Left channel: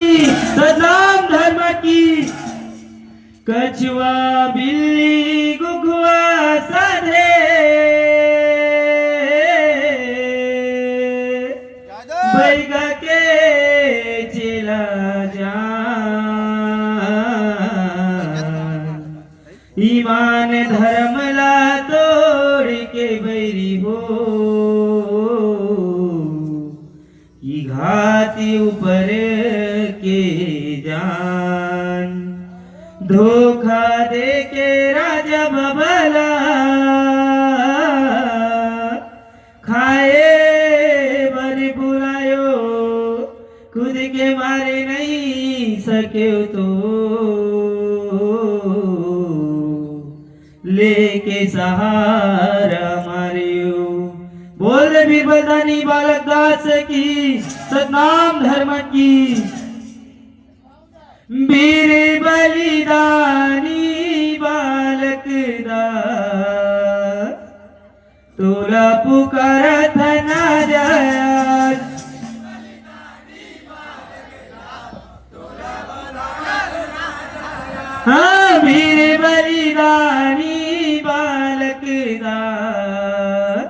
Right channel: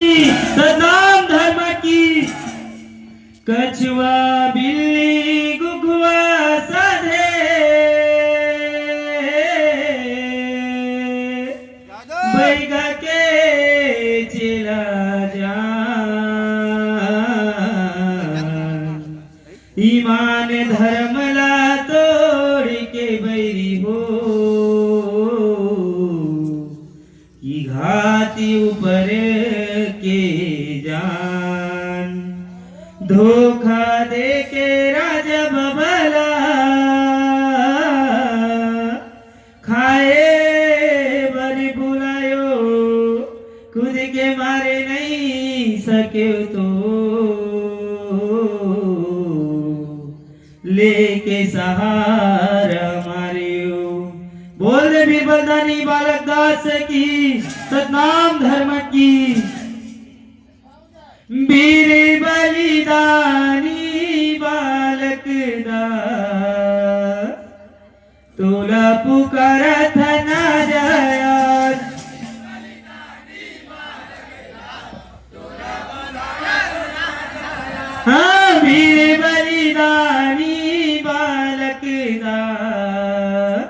सदाम धर्म की कछुआ बिल्ली गुगुआ साधे बैगा के चला जान ईमान धर्म ला तोड़ के बैरी हो की घाती ऊपर के जान धोखा दे के राजा बबला खाए बरी बुलायो खुद के मारे नहीं सके तो लेके सहारा मारियो। बोल दे वीरभद्रानी बालक दास की सतनाम धर्म की वीर बलिदानी बालक दास तोरा पुकारा था ना जाया हाँ वीर बलिदानी बालक दास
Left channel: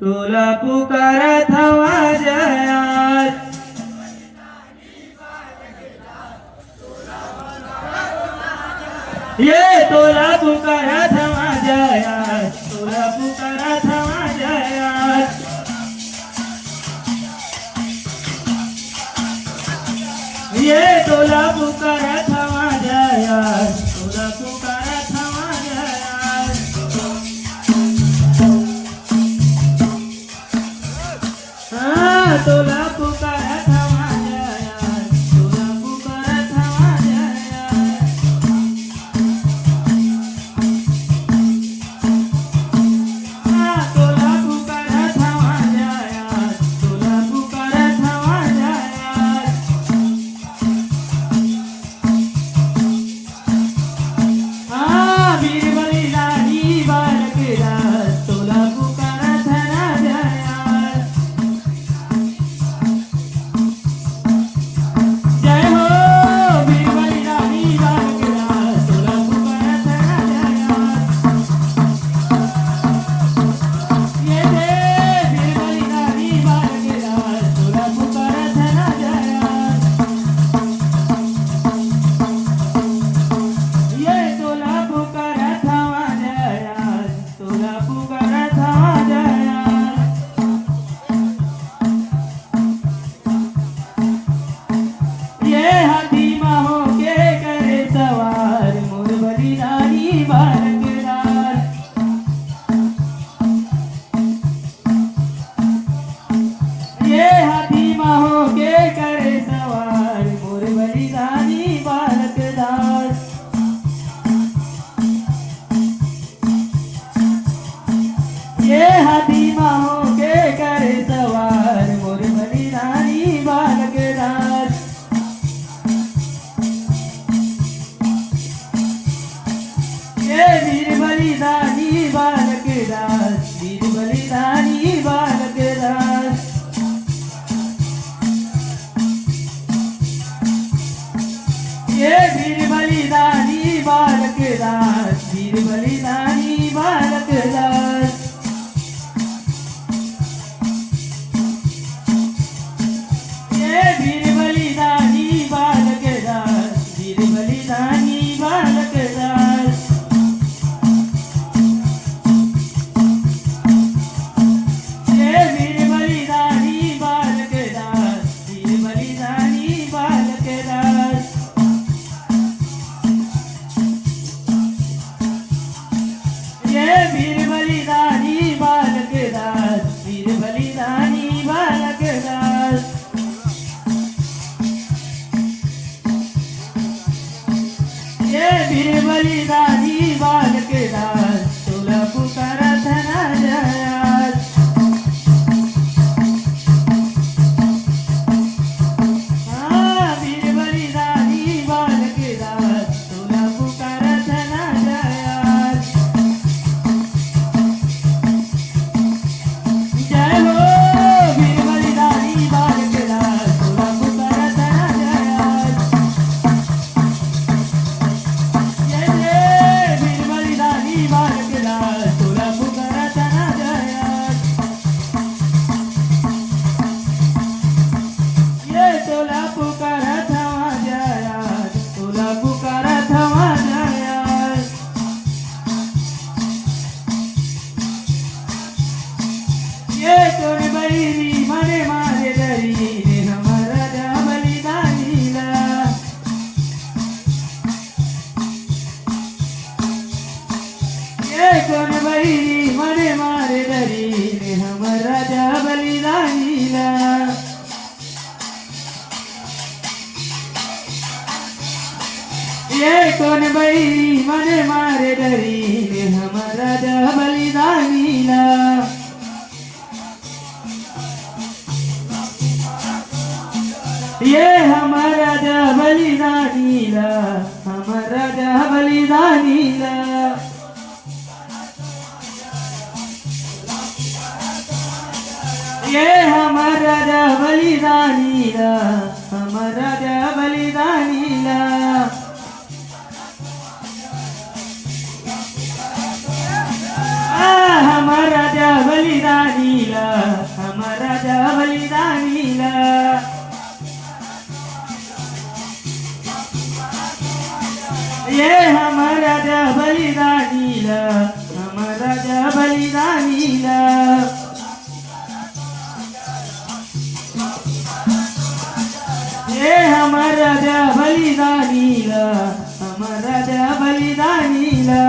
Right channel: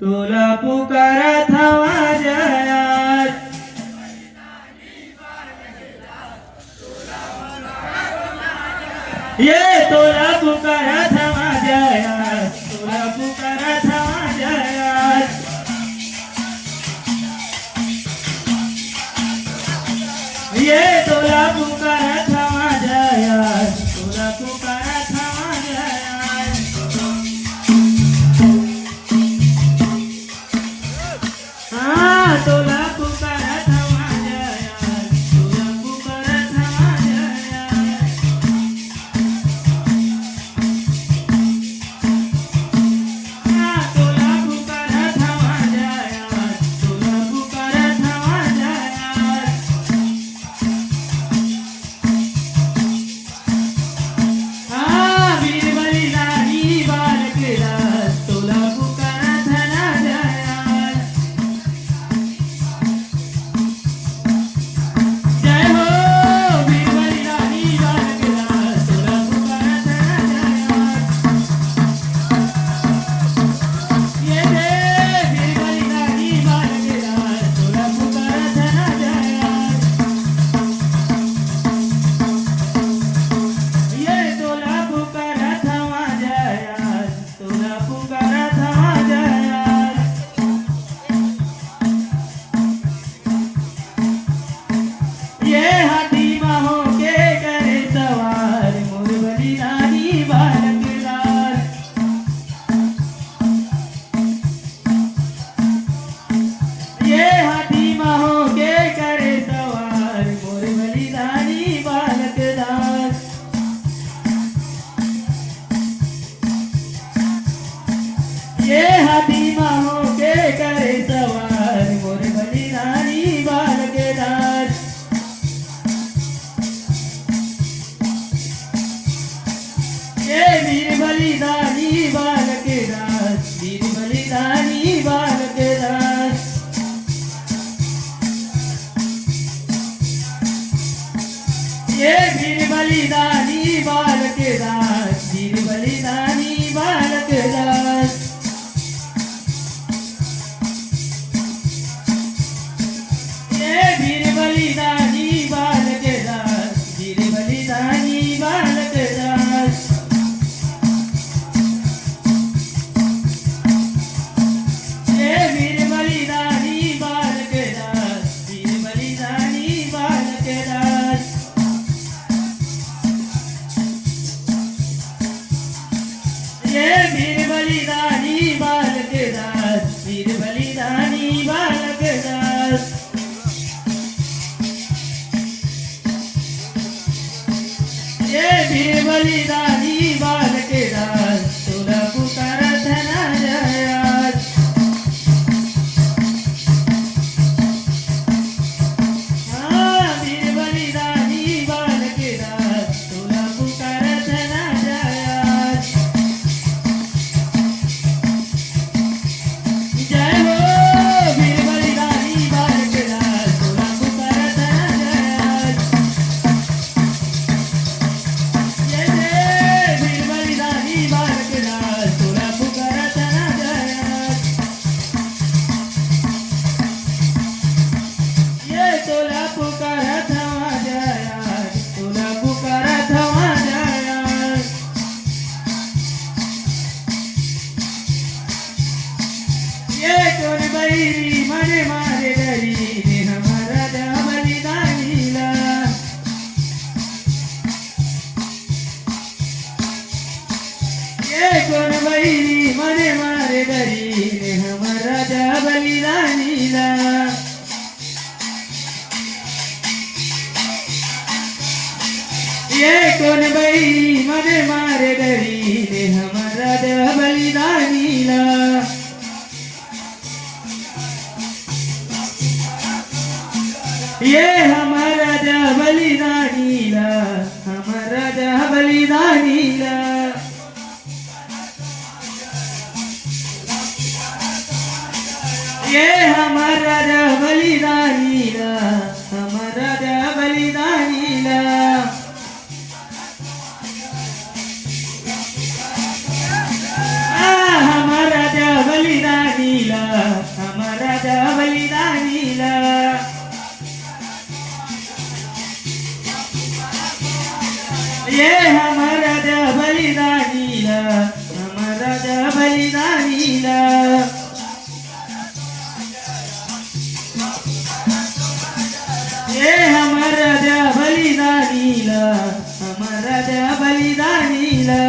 तोला पुकारा था जाया ये तोला पुकारा था जाया तोला पुकारा था जाया ये तोला पुकारा था जाया तोला पुकारा था जाया हाँ तोला पुकारा था जाया तोला पुकारा था जाया हाँ तोला पुकारा था जाया तोला पुकारा था जाया हाँ वीर बलिदानी बालक दास तोला पुकारा था जाया जय हो वीर बलिदानी बालक दास तोला पुकारा था जाया ये दे वीर बलिदानी बालक दास तोला पुकारा था जाया ये तोला पुकारा था जाया तोला पुकारा था जाया ये हाथी माहो के करे सवार मोर बलिदानी बालक दास ये हाथी माहो के करे सवार मोर बलिदानी बालक दास ये हाथी माहो के करे सवार मोर बलिदानी बालक दास ये वीर बलिदानी बालक दास वीर बलिदानी बालक दास ये वीर बलिदानी बालक दास वीर बलिदानी बालक दास ये वीर बलिदानी बालक दास वीर बलिदानी बालक दास ये वीर बलिदानी बालक दास वीर बलिदानी बालक दास ये वीर बलिदानी बालक दास वीर बलिदानी बालक दास ये वीर बलिदानी बालक दास तोला पुकारा था जाया हाँ वीर बलिदानी बालक दास तोला पुकारा था जाया जय हो वीर बलिदानी बालक दास तोला पुकारा था जाया ये कोण बाई मने मारे डरी हमारा बलिदानीला ये हमारा बलिदानीला हमारा बलिदानीला ये हमारा बलिदानीला हमारा बलिदानीला हमारा बलिदानीला हमारा बलिदानीला ये हमारा बलिदानीला हमारा बलिदानीला ये हमारा बलिदानीला हमारा बलिदानीला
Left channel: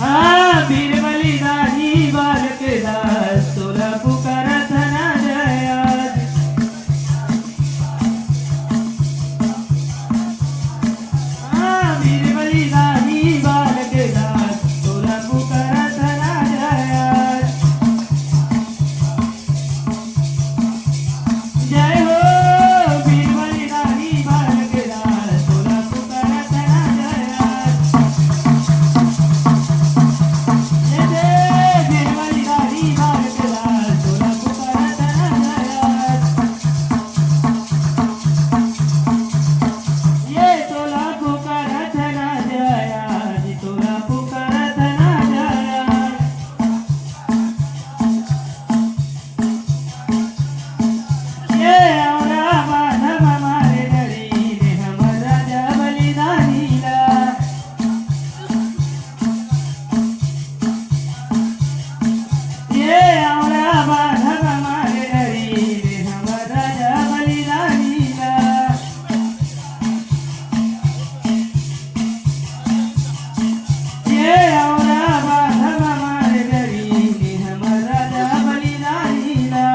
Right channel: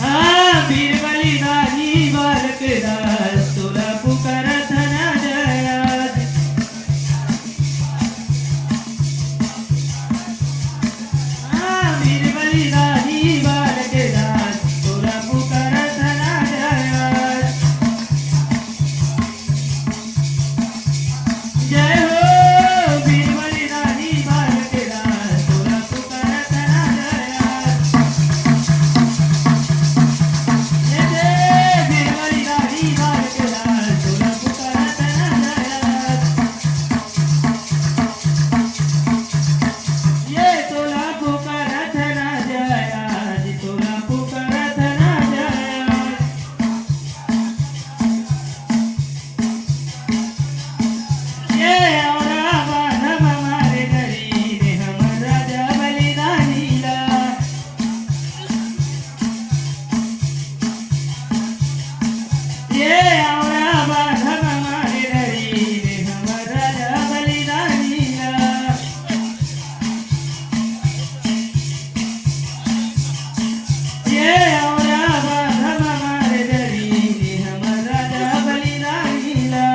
हाँ वीर बलिदानी बालक दास तुला पुकारत ना जयात हाँ वीर बलिदानी बालक दास तुला पुकारत ना जयात जय हो वीर बलिदानी बालक दास तुला पुकारत ना जयात जय जय वीर बलिदानी बालक दास तुला पुकारत ना जयात ये तुला पुकारत ना जयात तुला पुकारत ना जयात ये औरा बाधव हमारे डरी ने हमारा बलिदानीला ये औरा बाधव हमारे डरी ने हमारा बलिदानीला ये औरा बाधव हमारे डरी ने हमारा बलिदानीला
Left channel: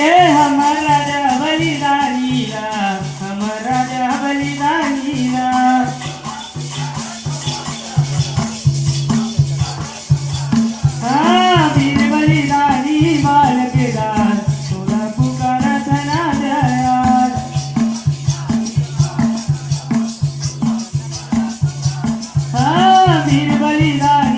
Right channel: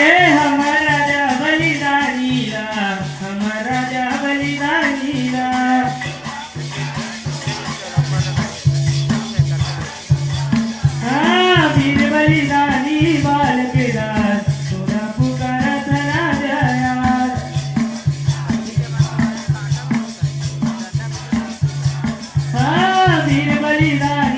ये हमारा बलिदानीला हमारा बलिदानीला हाँ वीर बलिदानी बालक दास तुला पुकारत ना जयात हाँ वीर बलिदानी